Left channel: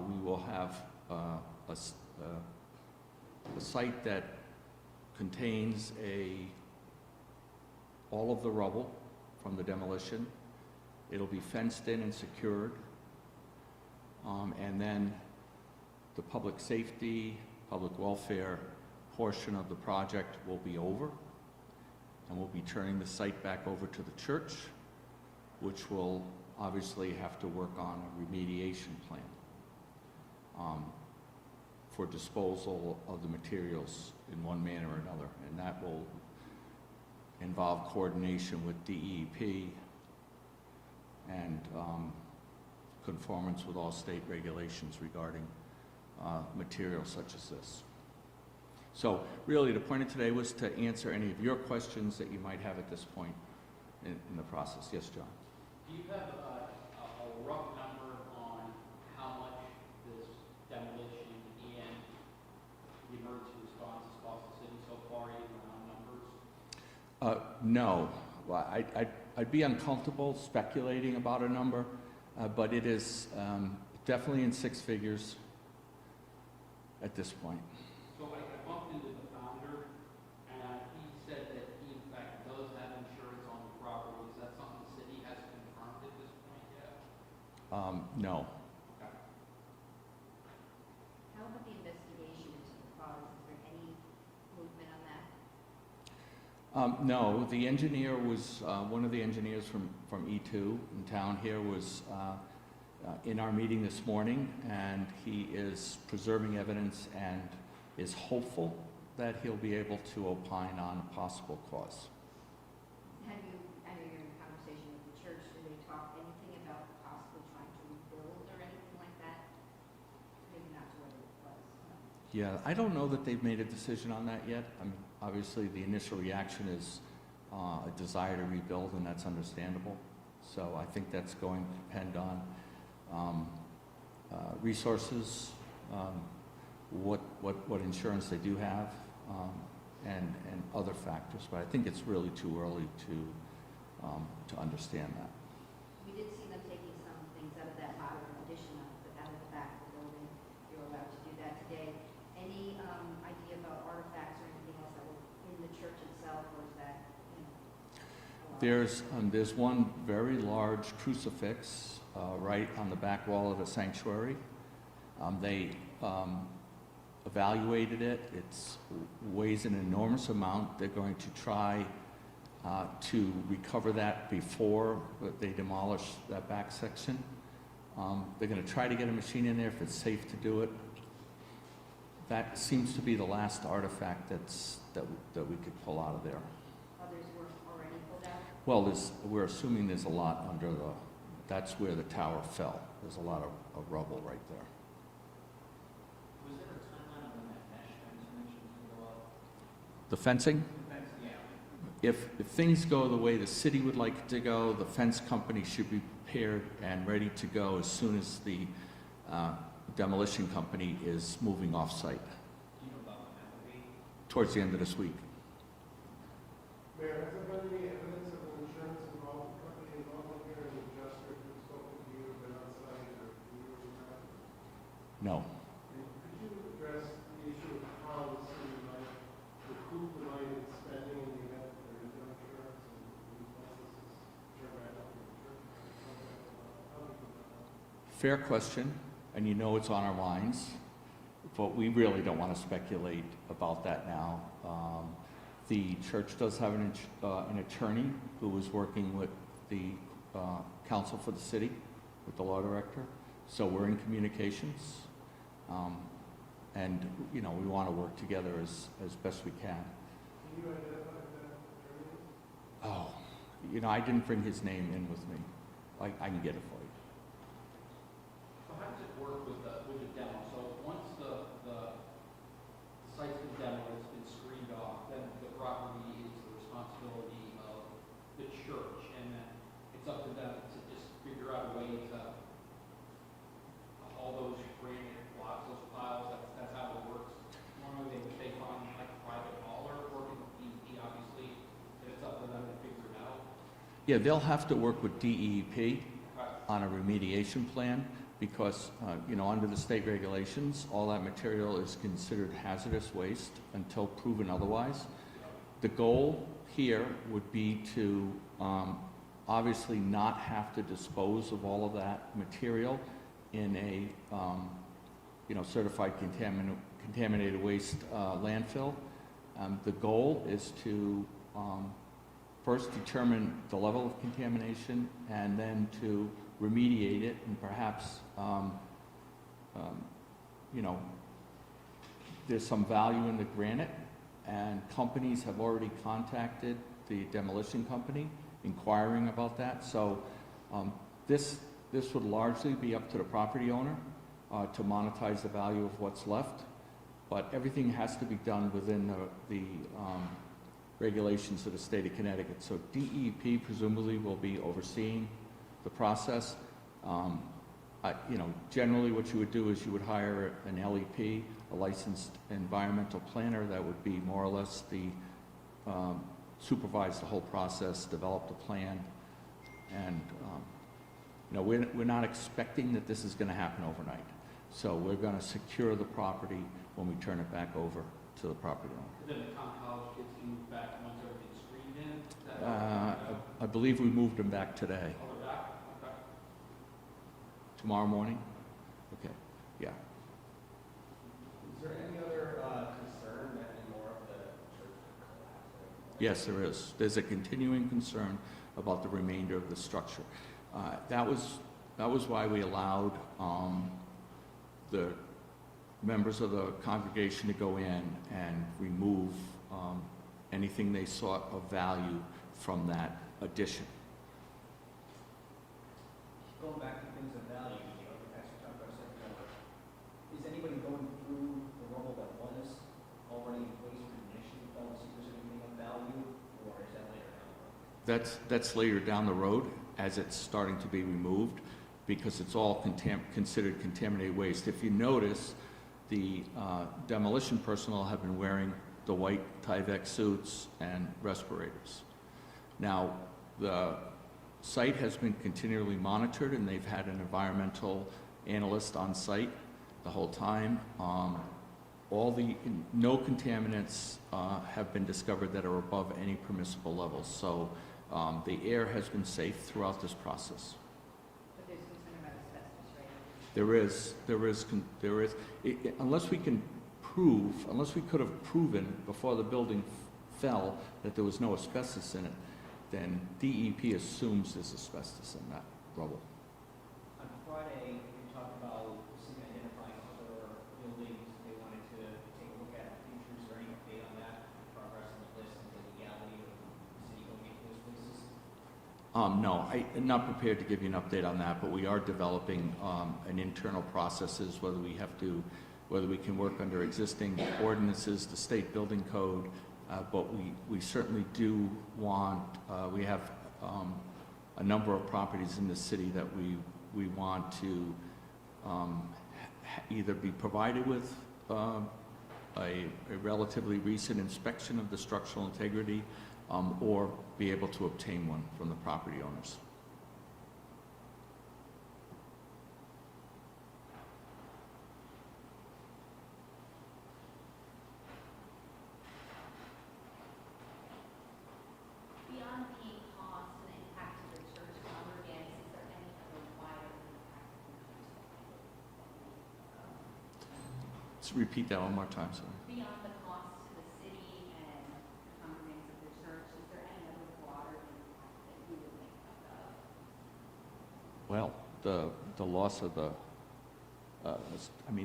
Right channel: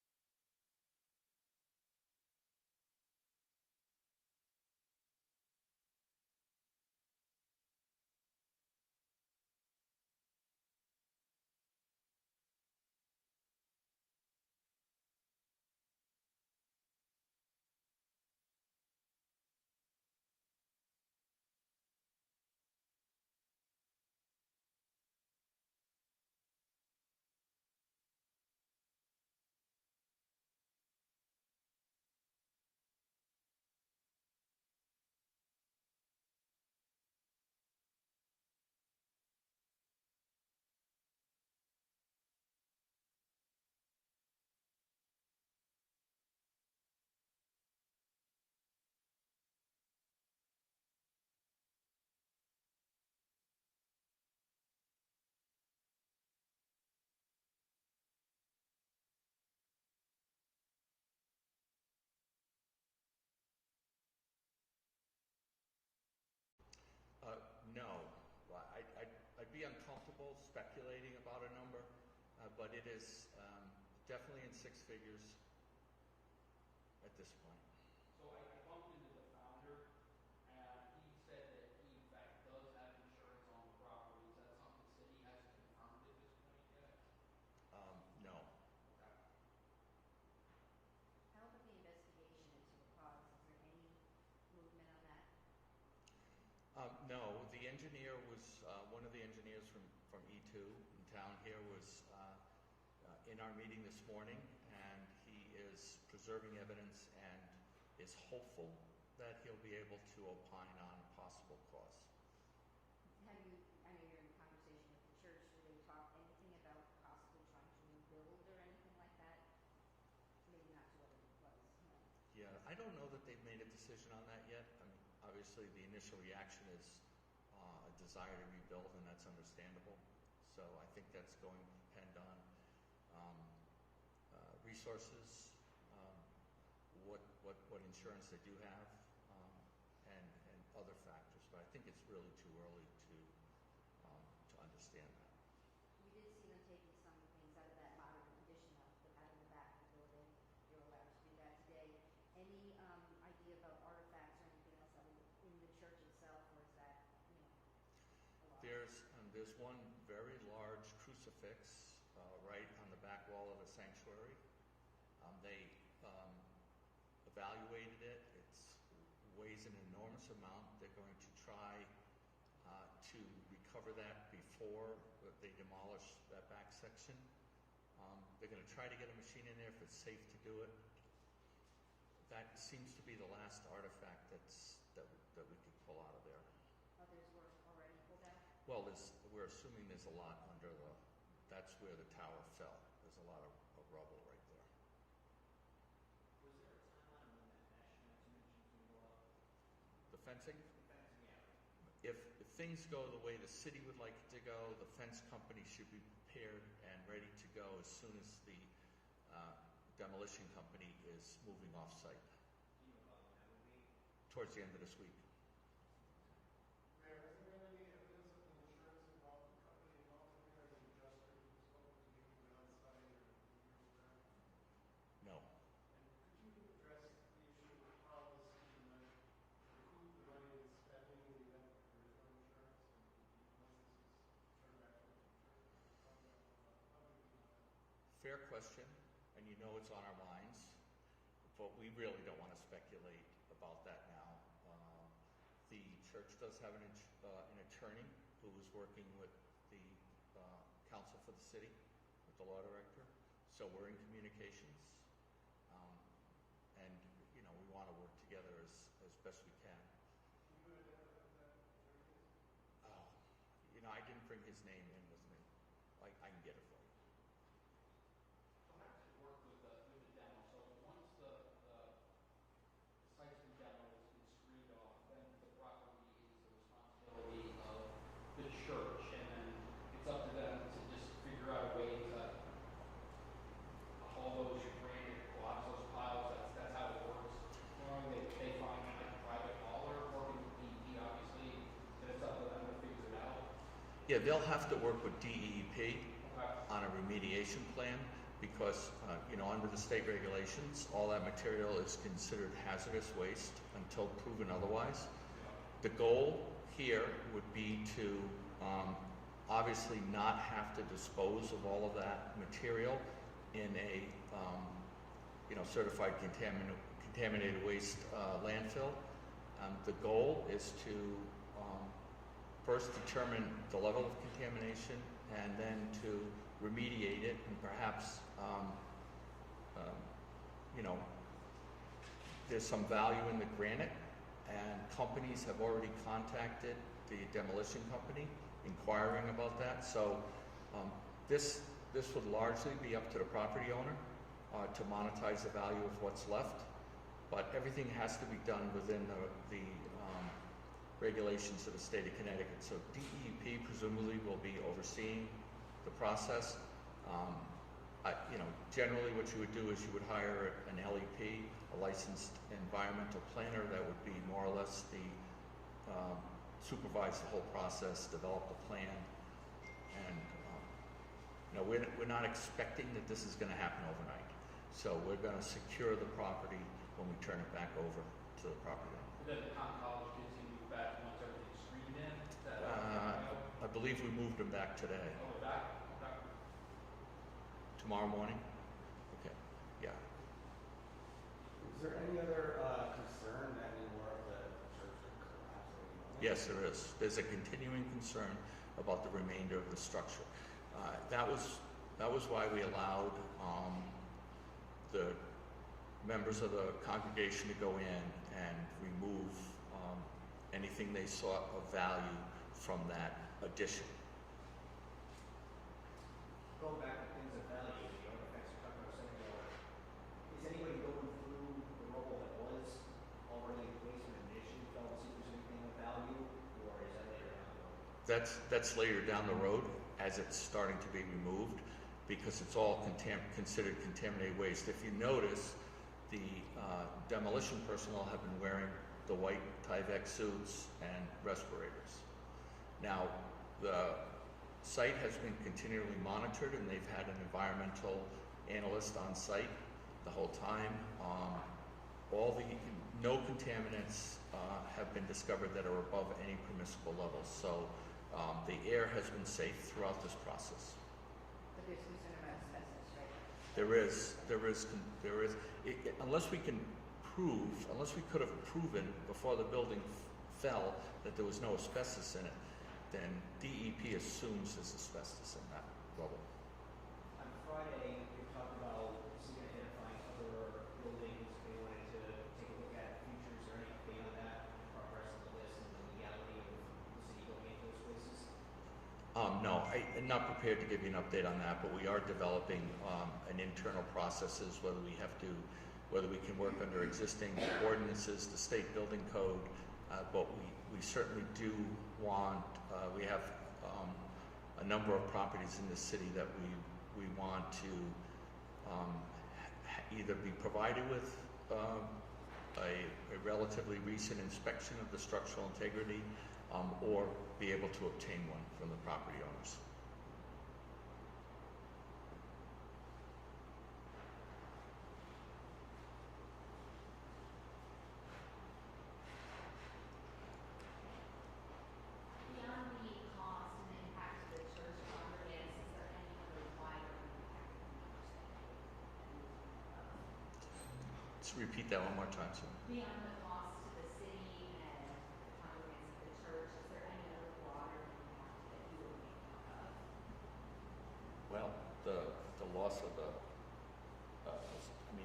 We will have a site that contains all of the rubble from the demolition. It'll be fenced in and secured. And then the public safety, public welfare portion of the project will be over. And we'll be turning the site back over to the church, which will obviously have to work on a remediation plan for disposal of the materials in one manner or another. And that will involve coordination with DEP and conformance with all state regulations regarding materials such as this. So really the point of today was to answer any of your questions that you might have at this point in the process. Yes, John? Do you have a rough number on how much this demolition and the emergency response has cost the city so far, even round numbers? No. Well, I'd be uncomfortable speculating about a number, but it is definitely in six figures at this point. So I bumped into the founder, and he said that he, in fact, does have insurance on the property. Is that something the city has confirmed at this point yet? No. Okay. How about the investigation into the cause? Is there any movement on that? No, the engineer was, one of the engineers from E2 in town here was in our meeting this morning, and he is preserving evidence and is hopeful that he'll be able to opine on a possible cause. Have you, I know you're in conversation with the church, do they talk anything about possibly trying to rebuild or anything like that? Maybe not to what it was. Yeah, I don't know that they've made a decision on that yet. I mean, obviously, the initial reaction is a desire to rebuild, and that's understandable. So I think that's going to depend on resources, what insurance they do have, and other factors. But I think it's really too early to understand that. We did see them taking some things out of that modern addition out of the back of the building. You're allowed to do that today. Any idea about artifacts or anything else that were in the church itself, or is that, There's one very large crucifix right on the back wall of the sanctuary. They evaluated it. It weighs an enormous amount. They're going to try to recover that before they demolish that back section. They're going to try to get a machine in there if it's safe to do it. That seems to be the last artifact that we could pull out of there. others were already pulled out? Well, we're assuming there's a lot under that's where the tower fell. There's a lot of rubble right there. Was there a timeline when that mesh transformation was going to go up? The fencing? The fence, yeah. If things go the way the city would like it to go, the fence company should be prepared and ready to go as soon as the demolition company is moving off-site. Do you know about when that would be? Towards the end of this week. Mayor, has there been any evidence of an insurance involvement here, an adjuster who's spoken to you, been on site, or you were around? No. And could you address the issue of how the city might recoup the money it's spending in the event that there is no insurance and these licenses turn back up in the church? How do you put that on? Fair question, and you know it's on our minds, but we really don't want to speculate about that now. The church does have an attorney who is working with the council for the city, with the law director, so we're in communications. And, you know, we want to work together as best we can. Can you identify who that attorney is? Oh, you know, I didn't bring his name in with me. I can get it for you. So how does it work with the demo? So once the site's been demoed, it's been screened off, then the property is the responsibility of the church, and then it's up to them to just figure out a way to haul those granite blocks, those piles. That's how it works. Normally they find like a private hauler working with DEP, obviously, and it's up to them to figure it out. Yeah, they'll have to work with DEP on a remediation plan because, under the state regulations, all that material is considered hazardous waste until proven otherwise. The goal here would be to obviously not have to dispose of all of that material in a certified contaminated waste landfill. The goal is to first determine the level of contamination and then to remediate it, and perhaps there's some value in the granite, and companies have already contacted the demolition company inquiring about that. So this would largely be up to the property owner to monetize the value of what's left, but everything has to be done within the regulations of the state of Connecticut. So DEP presumably will be overseeing the process. Generally what you would do is you would hire an LEP, a licensed environmental planner that would be more or less supervise the whole process, develop the plan, and we're not expecting that this is going to happen overnight. So we're going to secure the property when we turn it back over to the property owner. Then the college kids can move back once everything's screened in? Is that I believe we moved them back today. Oh, we're back? Okay. Tomorrow morning? Okay, yeah. Is there any other concern that any more of the church could collapse? Yes, there is. There's a continuing concern about the remainder of the structure. That was why we allowed the members of the congregation to go in and remove anything they sought of value from that addition. Going back to things of value, Pastor talked about a second ago, is anybody going through the rubble that was already in place when it initially fell to see if there's anything of value, or is that later down the road? That's later down the road as it's starting to be removed, because it's all considered contaminated waste. If you notice, the demolition personnel have been wearing the white Tyvek suits and respirators. Now, the site has been continually monitored, and they've had an environmental analyst on site the whole time. No contaminants have been discovered that are above any permissible levels. So the air has been safe throughout this process. But there's concern about asbestos, right? There is. Unless we could have proven before the building fell that there was no asbestos in it, then DEP assumes there's asbestos in that rubble. On Friday, we talked about identifying other buildings they wanted to take a look at in the future. Is there any update on that, progress on the list, and the legality of the city going into those places? No, I'm not prepared to give you an update on that, but we are developing an internal processes, whether we can work under existing ordinances, the state building code, but we certainly do want, we have a number of properties in the city that we want to either be provided with a relatively recent inspection of the structural integrity, or be able to obtain one from the property owners. Beyond the cost and impact to the church congregants, is there any other wider impact on the church? Let's repeat that one more time, sorry. Beyond the cost to the city and the congregants of the church, is there any other broader impact that you would think of? Well, the loss of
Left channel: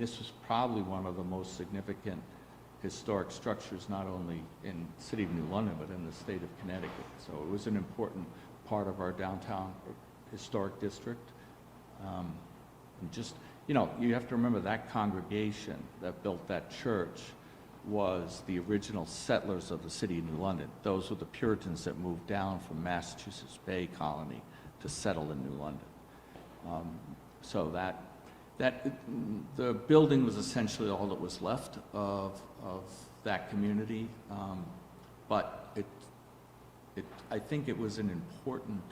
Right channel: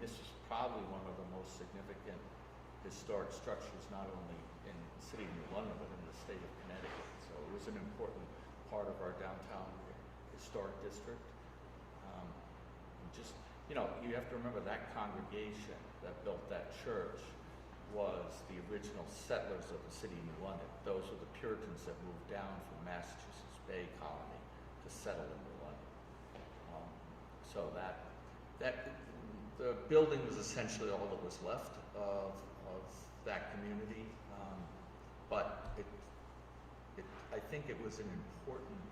this was probably one of the most significant historic structures, not only in the city of New London, but in the state of Connecticut. So it was an important part of our downtown historic district. And just, you have to remember that congregation that built that church was the original settlers of the city of New London. Those were the Puritans that moved down from Massachusetts Bay Colony to settle in New London. So the building was essentially all that was left of that community, but I think it was an important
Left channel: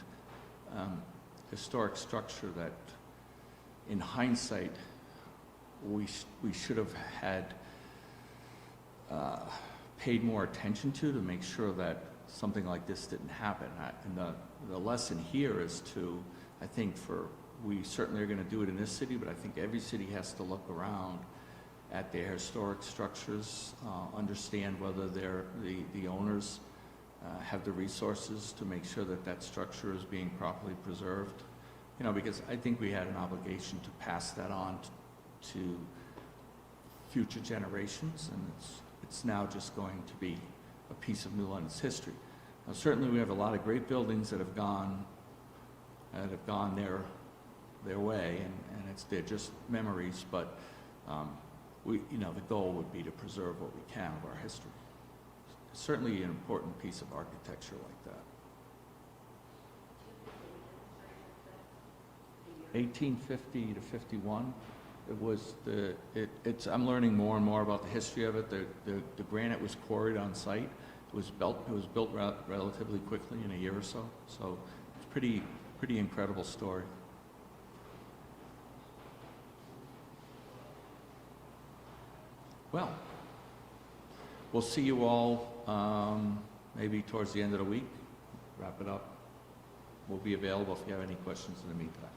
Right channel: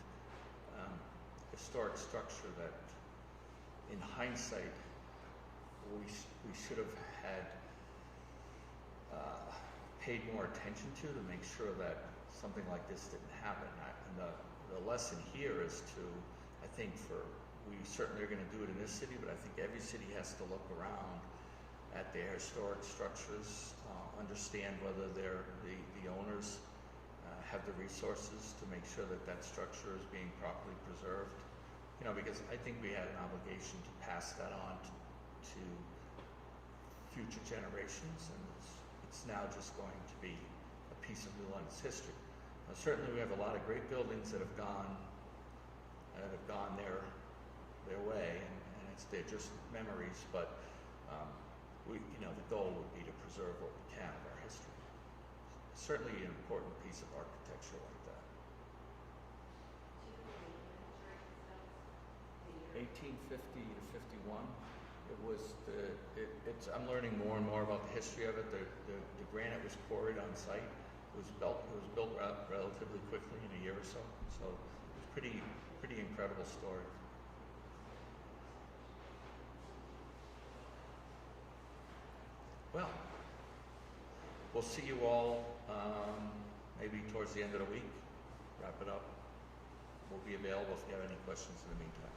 historic structure that in hindsight, we should have had paid more attention to make sure that something like this didn't happen. And the lesson here is to, I think we certainly are going to do it in this city, but I think every city has to look around at their historic structures, understand whether the owners have the resources to make sure that that structure is being properly preserved. You know, because I think we had an obligation to pass that on to future generations, and it's now just going to be a piece of New London's history. Now, certainly we have a lot of great buildings that have gone their way, and they're just memories, but the goal would be to preserve what we can of our history. Certainly an important piece of architecture like that. 1850 to 51. I'm learning more and more about the history of it. The granite was quarried on site. It was built relatively quickly in a year or so. So it's pretty incredible story. Well, we'll see you all maybe towards the end of the week. Wrap it up. We'll be available if you have any questions in the meantime.